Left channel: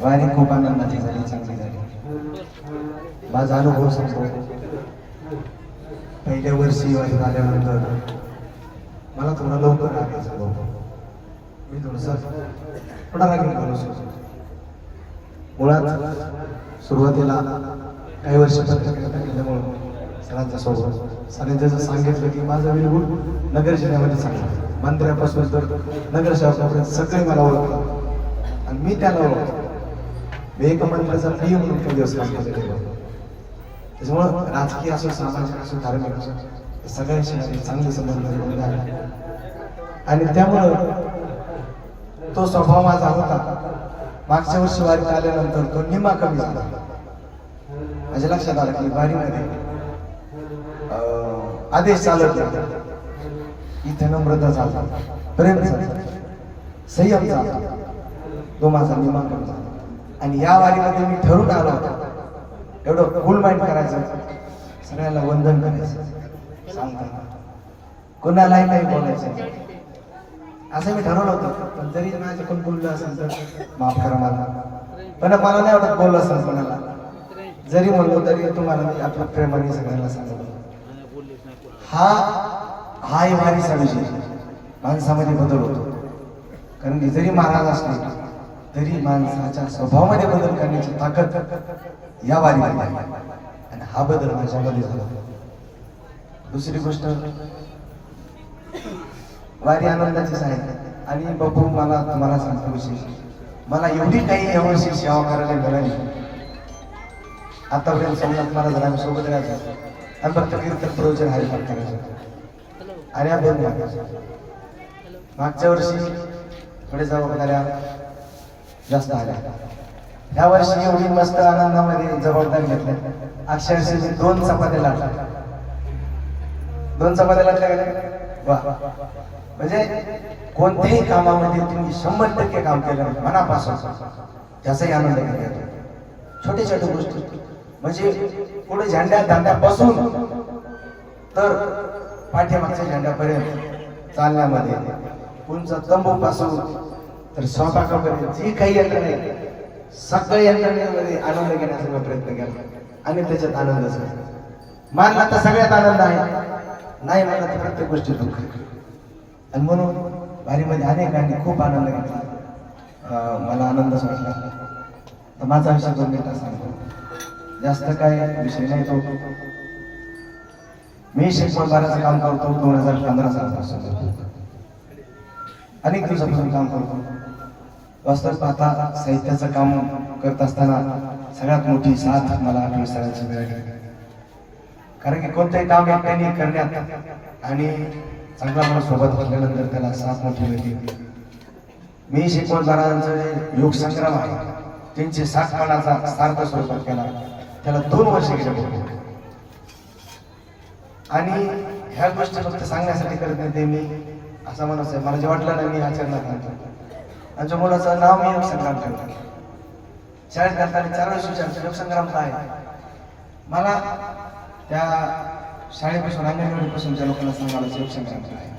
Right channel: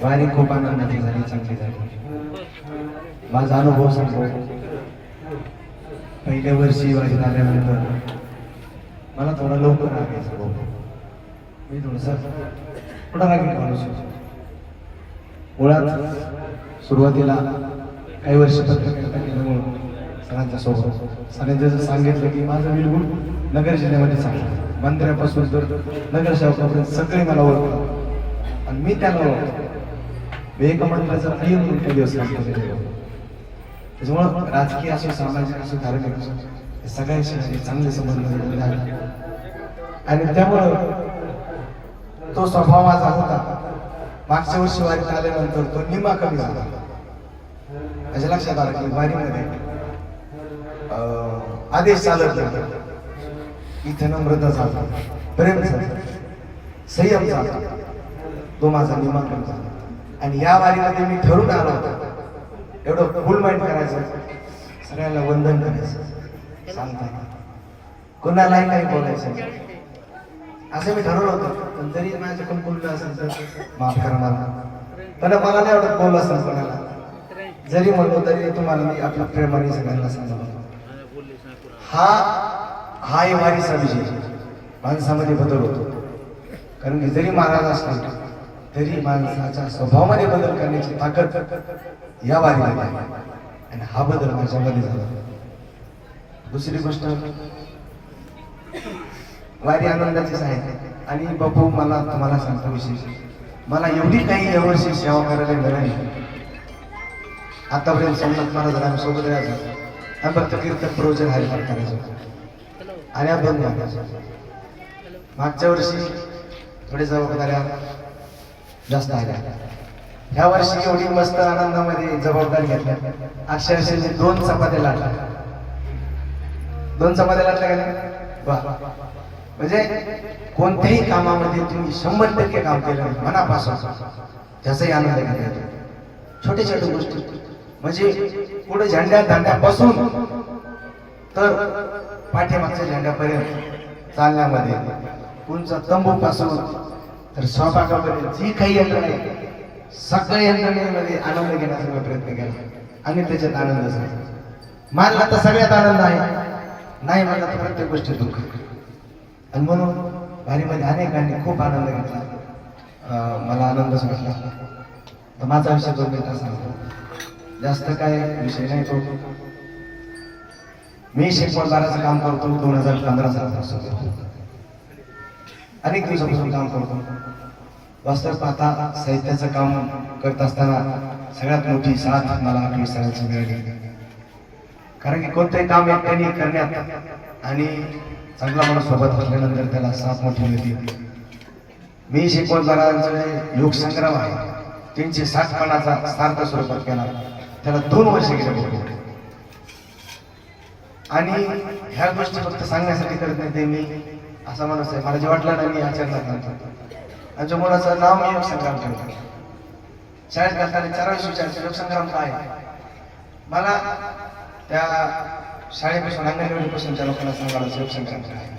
वारी खूप आनंदाची झाली चांगली झाली. माझा अनुभव सांगतो. पहिल्या वर्षी वारी झाल्यानंतर मला थोडा लवकर लागायचा भाऊ मी थोडासा थोडा लागेल माणूस मुळात सुरुवातीला काही वर्ष पत्रकारिता केल्यामुळं सरांच्या सोबत सरांनी जसं सांगितलं की माझा विलगुण नगर जिल्ह्यामध्ये सांगितलं मंदिरापासून तर नगर शहरापर्यंत सगळे मला ओळखतात. आणि मी त्याला ओळखतो. मी मंडळाचा काही म्हणून दिवस काम केलेलं त्याच्यामुळं राजकीय असो सामाजिक असो धार्मिक असो हे सगळ्यांशी चांगले संबंध जोडलेले आणि त्यामुळं तो स्वभाव माझा होता. मागच्या वर्षी वारीत आल्यानंतर तो निम्मा कमी झाला. माझ्या लक्षात आलं की वारीमध्ये आदेश चालत नाही इथे नम्रता झाला. प्रेम झाला. संयम झाला. तो माझा निम्मा कमी झाला. आणि या वारीमध्ये मी ठरून आलो होतो. एवढं फुल माइंड करायचं. सगळ्यांना वंदन करायचं. सांगताना कोणालाही काही बोलायचं असं मी ठरवलं होतं. पण तरी कोण बोललं असेल तर माफ करा मला. पण मला नाही आवडत बोललं असेल कोणाला. जरी म्हणलो तरी तुम्हाला मी आपल्या प्रेमाने सगळ्यांना सांगतो. हा हा ही वारीचा विजय. माणसामध्ये बदल होतो. कारण की जरी महाराज असले तरी माणसाच्या स्वभावामध्ये बदल करण्याची ताकद या वारीमध्ये आहे. आणि हा बदल माझ्यामध्ये झाला. दुसरी गोष्ट वारी आनंदाचीच आहे. आणि बापू मला तुम्हाला सांगतो विशेष. मला एवढी काही यावर्षी सेवा करायला मिळाली आतापर्यंत समजत मला जरा सोबत राहायचं आणि फक्त कीर्तन प्रवचन हरिपाठ करायचं. आणि आपण मागच्या वर्षी थोडे जबाबदाऱ्या जास्त आल्या ह्या वर्षी एवढी मस्त आनंदामध्ये जबाबदारी घेतल्या अक्षरशः दोन चपात्या लाटल्या दोन चपात्या लाटल्या वा. म्हणजे कोणत्याही कामामध्ये तुम्ही शंभर टक्के काम केलं म्हणजे मनापासून त्याचाही आनंद घेता येतो. छोटे छोटे गोष्टी. म्हणजे पुढे झेंड्या दांड्यापासून तर पाठ्यामागच्या झेंड्यापर्यंत चालण्यामध्ये तुमचा तंबू पासून तर स्वयंपाकापर्यंत जी काही यंत्रणा आहे सगळ्या यंत्रणेमध्ये आनंद घेण्याचा प्रयत्न केला. आणि त्याच्यात आनंद झाला मान आता सगळ्यात आनंद आहे. नाही मला तर प्रत्येक गोष्टी दुःख आणि म्हणून वारीमध्ये अनेकांनी खूप आनंद घेतला. मला आनंदच वाटला. तर माझा विषय दोन मिनिटं सांगतो. जास्त काय विषय नाही तो. मी शिक्षण बाराचं काम करतो दोन हजार पंधरा सालापासून अनेक दिवसापासून काम करतो. वास्तव पाहता साहित्याचं काम करत असताना सगळ्यात मोठी साथ मला आठवी सरांची मिळाली. कारण की कोणतेही काम एकट्याने करण्यात आणि चांगला माणूस सोबत असल्यानंतर त्याला साथ मोठी मिळते. मी शिकवणदारांचं जे योग संग्राम आहे त्यांची सातपणाचा सार्थ स्वरूपात केला. त्याला दोन वर्ष गेले आणि ह्या गोष्टी फक्त सांगण्यासाठी करत नाही ते मी असा माणूस आहे. मला जे वाटलं ना मी आचरणात आणतो आणि जो मुलाचं नाव मी योगसंग्राम ठेवतो शाळेत घालताना चार वेळेस विचारतो योगसंग्राम काय आहे? मला त्या शाळेपासून अंगणवाडीपासूनच्या लोकांना सांगायला योगसंग्राम काय आहे?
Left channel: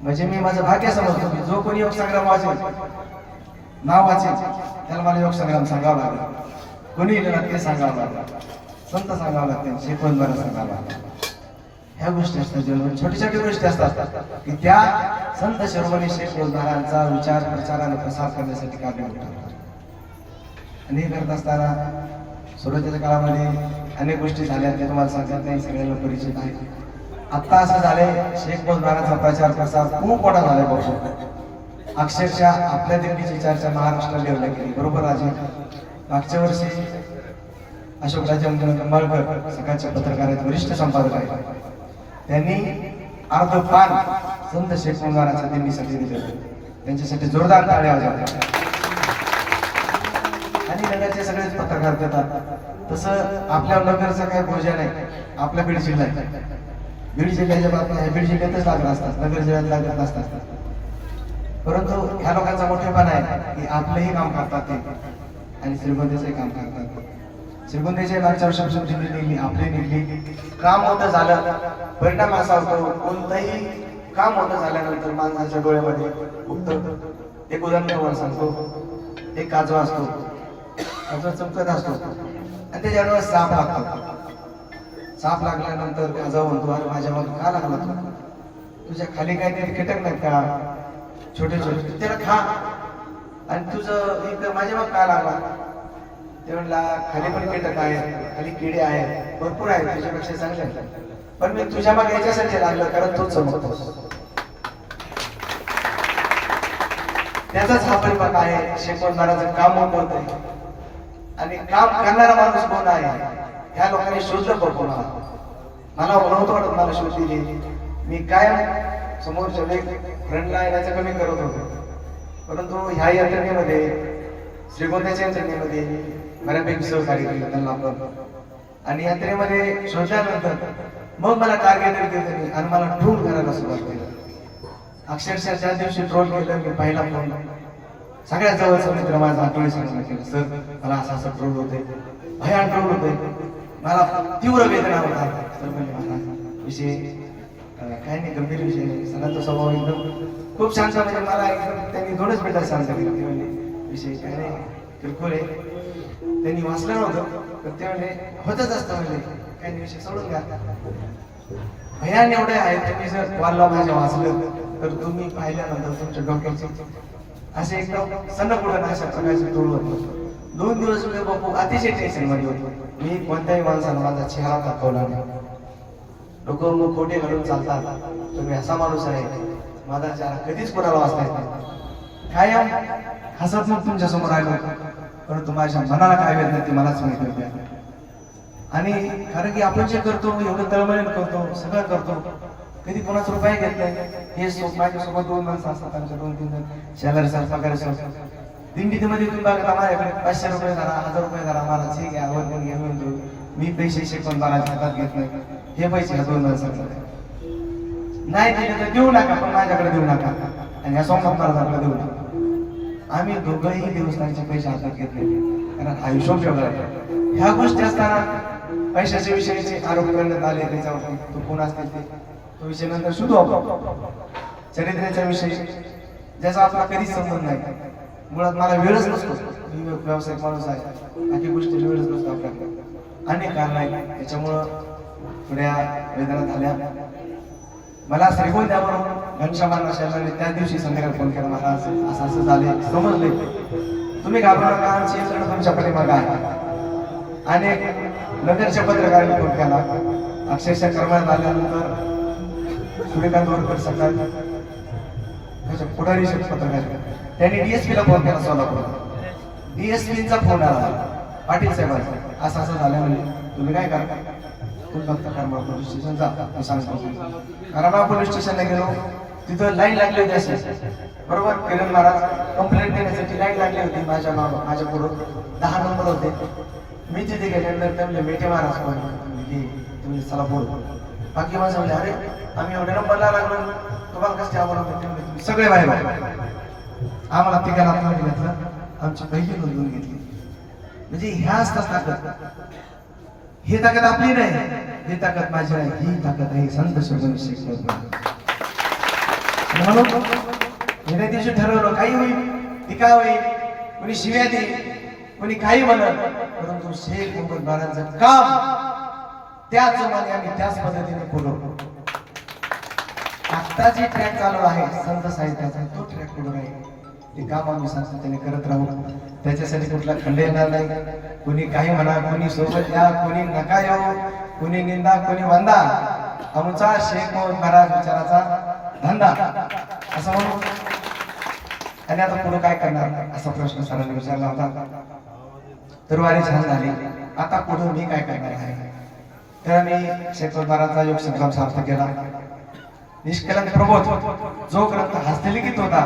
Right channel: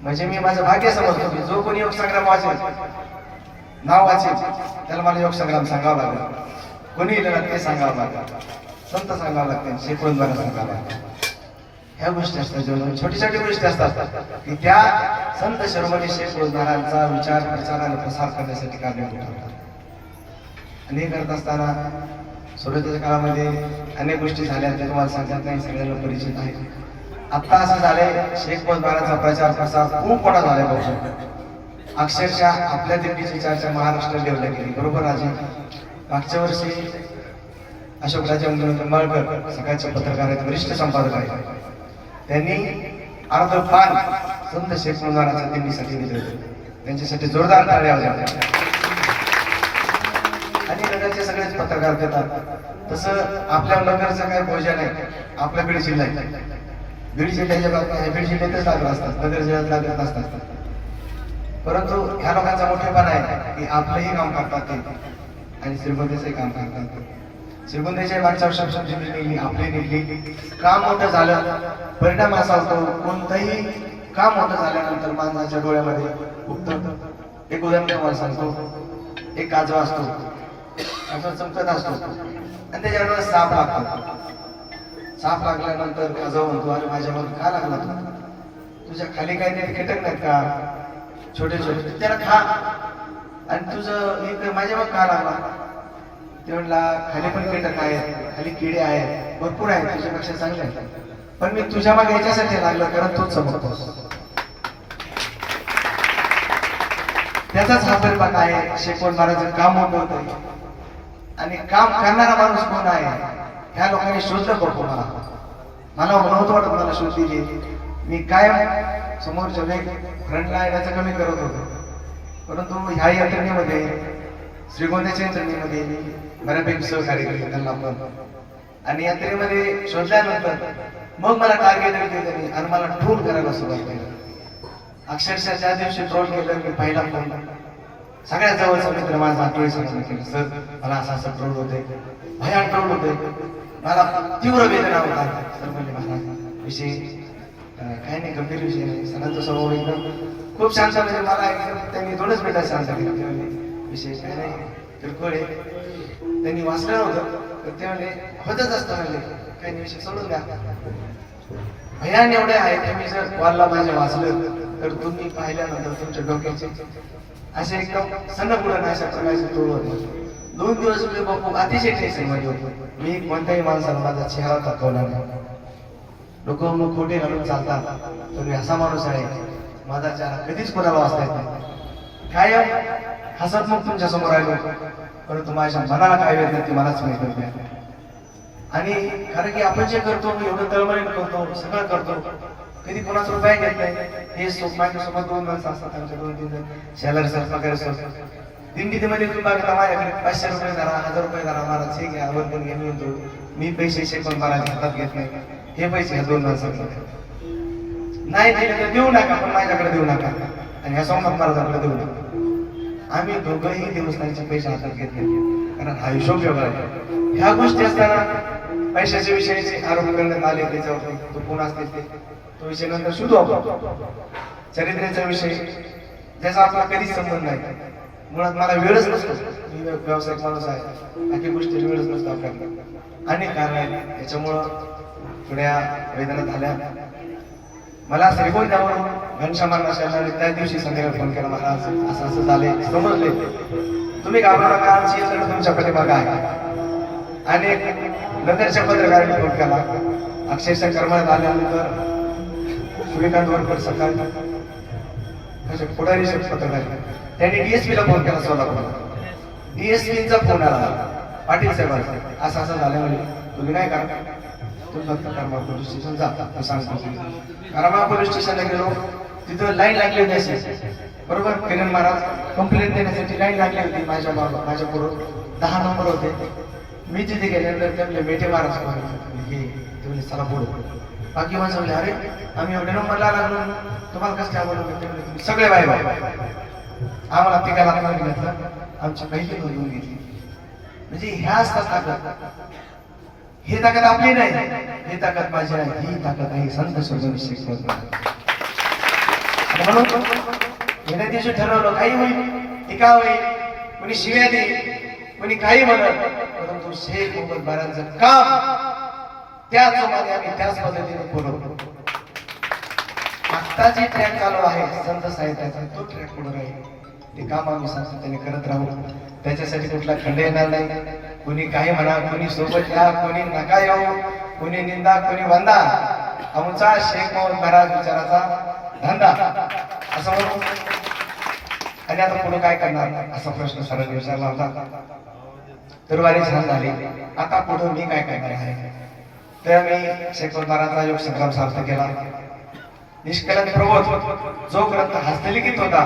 म्हणजे मी माझं भाग्य समजतो की जो कोणी योगसंग्राम वाचेल नाव वाचेल त्याला मला योगसंग्राम सांगावं लागेल. कोणी लिहिलं ते सांगावं लागेल. संत सांगावं लागते शेकवणद्वारा सांगावं लागेल. ह्या गोष्टी असतात जेव्हा छोटी छोटी गोष्टी असतात की त्या संत शिरोमणी शेख रोजगारांचा विचार प्रचार आणि प्रसार करण्यासाठी कार्य होतात आणि हे करत असताना सुरुवातीच्या काळामध्ये अनेक गोष्टी झाल्या त्या तुम्हाला सांगत नाही सगळ्यांना परिचित आहे. आत्ता असं झालंय शेख रोजगाराचा प्रचार प्रसार खूप मोठा झालाय बघतो अक्षरशः आपल्या दिल्लीची चर्चा महाराष्ट्र लेवलला गेली बरोबर राजे? मागच्या वर्षी अशोक राजे निंबाळकर सकाळचे पत्रकार आहेत वरिष्ठ संपादक आहेत. त्यांनी अर्ध पान संत शेख महाराजांच्या दिंडीसाठी दिले होते. त्यांच्यासाठी जोरदार टाळ्या वाजवल्या आणि नगरचे सगळेच पत्रकार देतात. तसं आपल्या नगरचं काय भोजन आहे आपल्या बीड जिल्ह्यात बीड जिल्ह्याच्या बातम्या बीड जिल्ह्यातच लागत असतात नगर जिल्ह्यात लागत असतात परंतु ह्या लोकांचा मोठेपणा आहे की आपलंही काम करतात ते. आणि श्रीमंतीचंही काम करतात श्रीगुंदेच्या मागच्या वर्षापासून दिल्ली निघली आपले निघली काम मोठं झालं. परिणाम असा होतो कोणतंही काम मोठं झाल्यानंतर माणसाच्या डोळ्यामध्ये उठतं एक उदाहरण तुम्हाला सांगतो. एक काजवा असतो. काजवा चमकत असतो. आणि त्याच्यावर साप लागतो. साप लागल्यानंतर काजवा म्हणतो अरे माझ्या मग का लागला तुझ्या खाली काहीतरी कीटक नाहीत का? छोटे छोटे. त्याला खा. आणि तुझं एक माझ्या मग का लागला? ते म्हणला खाली पण कीटक आहे? खाली किडे आहेत. भरपूर आहेत तुझ्यापेक्षा चांगले आहेत. पण मी तुझ्या मागे याच्यासाठी लागलो कारण तोच चमकतोस. त्याचाच हा परिपाक आहे शेकवण महाराज काम मोठं होतं आणि काम करणारा माणूस कोण आहे? ह्या लोकांनी शोधलं पण कोणाला मला नव्हतं वाटत मला शोध दिली. मी कायम समोरच्या फ्रंटला येण्याचं कमी करत होतो. परंतु ह्या यंत्रणेमध्ये श्रीगोंद्याच्या यंत्रणेमध्ये बऱ्यापैकी सहकार्य केले त्यांना आपण. आणि यात्रेमध्ये शोधल्यानंतर मग मला टार्गेट दिले त्यांनी आणि मला ट्रोल करायला सुरुवात केली. अक्षरशः त्या दिवशी ट्रोल केलं मी पहिला फोन सगळ्यात जवळचा मित्र माझा आठवणी सांगितलं केलं सर मला असं असं ट्रोल होते भयान ट्रोल होते मला तीव्र वेदना होता सर म्हणजे मला विषय काही नाही गंभीर विषय नाही सणांचा स्वभाव एकदम. खूप शांत म्हणजे मला एकदम त्यांनी दोनच मिनिटात शांत केलं. ते म्हणजे विषय काही नाही किरकोळ आहे. त्यांनी वाचलं नव्हतं पण ते होतच असतं म्हणले. काही विषय सोडून द्या. भयान एवढे आहेत तुम्ही जर कॉलला माझ्या वाचलं तर तुम्ही पाहिल्यानंतर तुमच्या डोक्याचे असे एकदम सन्न नाही अशा प्रकारचे दोन दिवस मी बापू अतिशय टेन्शनमध्ये होतो. मी कोणत्याही माणसाला माझा चेहरा दाखवला नाही. लोक मग खोटे घालून चालतात. तुम्ही असा माणूस आहे. माझा चेहरा कधीच कोणाला वाचता येत नाही. कायम हसत मग तुमच्यासमोर आलो. परंतु माझ्या मनाला काय वेळ नाही ते मलाच माहिती होते आणि कारण की आपण जे करतो एवढं तळमळीन करतो सगळं करतो कधी कोणाचा उपाय घेत नाही. हे माझ्यासोबत दोन माणसं असतात त्यांच्या दोन तीन शेजारी सर पगार सर. दिंडीमध्ये तुम्ही बघता माझ्याकडे पाचशे रुपये धरा हजार रुपये धरा महाराज हे घ्या वर्गण घेऊन येतो मी पैसे शेकून महाराज हातात घेत नाही. हे पैसे ह्या दोन माणसांचा. नाही दिले तर देऊ नका पण माझ्याकडे देऊ नका. आणि ह्या सोमनाथ महाराजांकडे देऊ नका. आम्ही दोघंही देवस्थानचे पैसे हातात घेतले कारण हा हिशोब आहे. ह्या गोष्टी असताना पैशाच्या विषयीचे आरोप करण्यात आले त्याच्यावर तो कोण असतील ते. तो विषय नंतर शोधू आपण. चरित्र्याचा विषय ज्याचा आपला कधीच संबंध नाही. मुळात मला वेळच नसतो. मी व्यावसायिक माणूस आहे. बाकी गोष्टी वेळच नसतो आपल्याकडे. अनेक कारण आहेत. त्याच्यामुळं थोड्या वेदना झाल्या. मला श्रीगोंद द्यावरून घनश्यामांना शेजारी त्या दिवशी संध्याकाळी फोन केला. महाराज असं असं झाले समजले तुम्ही घाबरू नका आमची यंत्रणा तुमच्या पाठीमागं आहे. आणि नंतरच्या पत्रकारांनी फोन केला. अक्षरशः कर्मात आल्यानंतर सूर्यकांत वरकर सकाळी पुढारी पत्रकार त्यांनी डीएसपी ला फोन केला सोलापूर डीएसपीचा फोन आला. पाटील साहेबांचा. असं असं झालं म्हणजे तुम्ही काय करा तुम्ही फक्त पोलीस स्टेशन जा सांगतो करमाळ पोलीस स्टेशनला गेलो तिथं लाईन लागली होती. असे बरोबर किरण महाराज कंप्लेंट देण्यासाठी लाईन लागली होती माझ्या नाव माझ्या पुढं दहा नंबर होते मी तिथे गेल्यानंतर त्यांना म्हणले मेटे महाराज हे तुम्ही चला बोलू बाकी माझं म्हणजे अरे आम्ही एवढ्या नंबरला लागलो तुम्हाला कसं काय बोलू सगळे बाय बाय आम्हाला तिघा लागणार घेतलं आमची पहिली नोंदवून घेतली. म्हणजे ह्या असतात ताकद ही ताकद आपली नाही. ही ताकद माझी आहे ही ताकद आहे संत सर्वविषयी म्हणून गेल्या दिवशी ठरवलं काही होईल टीका होईल कोणी शिव्या दे कोणी काही म्हणत परंतु शेख मोहम्मद बारांचं काम त्याच जोमाने आम्ही त्याच पद्धतीने पुढं आत्ता जे ट्रॅक चालू आहे संत साहित्याचा तो ट्रॅक पुढे राहील. ते काम आम्ही सातत्याने करत राहू. त्याच्यासाठी कुठला खंड येणार नाही. कोणी काही म्हणा कोणी सोबत या कोणी नका येऊ कोणी निंदा कोणी वंदा. आमचा शेख मोहम्मद महाराज विचाराचा धंदा. असं म्हणू आणि आता पुढे काय करणार? असा प्रश्न सरांनी विचारला होता. गुरुवारी छान झाली. आता पुढे मी काय करणार आहे? तर मी शेख महाराजचा योग संग्राम सार्थ केला. निष्कलंक प्रबोध. जो ग्रंथ हस्तलिखित होता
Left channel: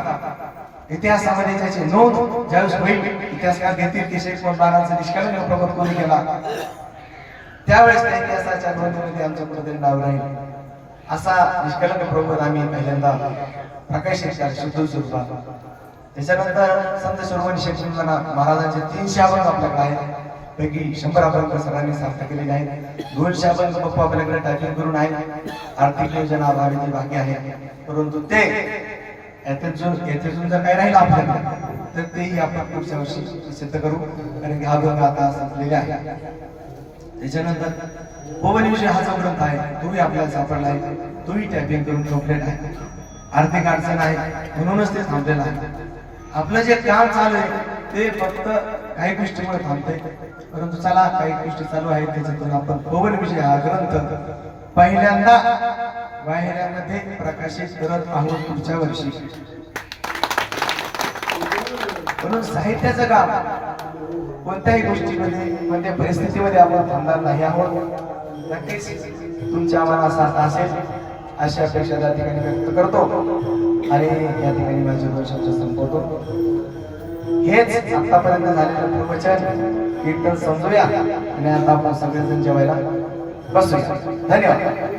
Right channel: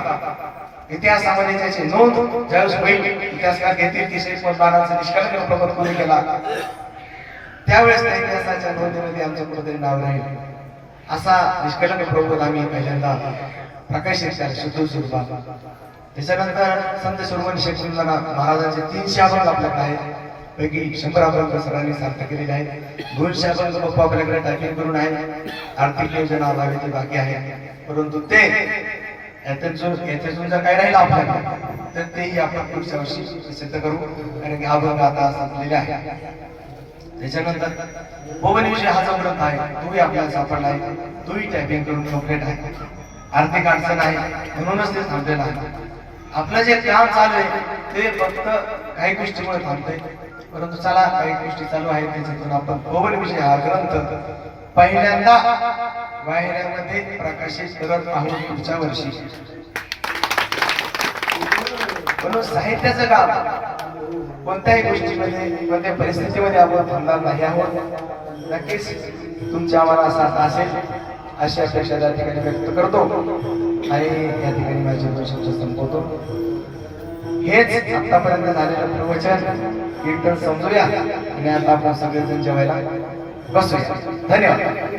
इतिहासामध्ये त्याची नोंद ज्यावेळेस होईल इतिहासकार घेतील की शेख महाराजचा निष्कलंक कोणी केला? त्यावेळेस त्या इतिहासाच्या नोंदीमध्ये आमच्या कुठेतरी नाव राहील असा निष्कलंक प्रबोध आम्ही पहिल्यांदा प्रकाश शेखर शुद्ध स्वरूपात त्याच्यानंतर संत शिरोमणी शेख महाराजांचे तीनशे अभंग आपल्याकडे आहेत. पैकी शंभर अभंग सरांनी सार्थ केलेले आहेत. दोनशे अभंग पप्पा आपल्याकडे टायपिंग करून आहे आर्थिक योजना अभावी बाकी आहे परंतु ते याच्यात याच्यातून याच्यातून जर काही राहिलं आपल्याकडे तर तेही आपण पुढच्या वर्षी सिद्ध करू कारण की हा आता संपलेला आहे. त्याच्यानंतर पवन विषय हा जो ग्रंथ आहे. तोही आपल्याला सापडला आहे. तोही टायपिंग करून ठेवलेला आहे. आर्थिक अडचण आहे. म्हणूनच ते थांबलेलं आहे. आपलं जे काम चालू आहे ते फक्त काही गोष्टीमुळे थांबते परंतु चला काही गोष्टी चालू आहेत. त्याच्यातून आपण पवन विषय हा ग्रंथ पहिल्यांदा वाहिन्यामध्ये प्रकाशित करत आहोत पुढच्या वर्षी. म्हणून साहित्याचं काम कोणत्याही गोष्टीमध्ये कोणत्या परिस्थितीमध्ये आपण थांबणार नाही आहोत. नक्कीच तुमच्या आम्हाला साथ असेल अशी अपेक्षा त्या ठिकाणी व्यक्त करतो. आणि या ठिकाणी माझे दोन संपवतो. हेच आतापर्यंत झालेलं प्रवचन. एकदम समजूया आणि आता आपण सगळेजण जेवायला बसूया. धन्यवाद.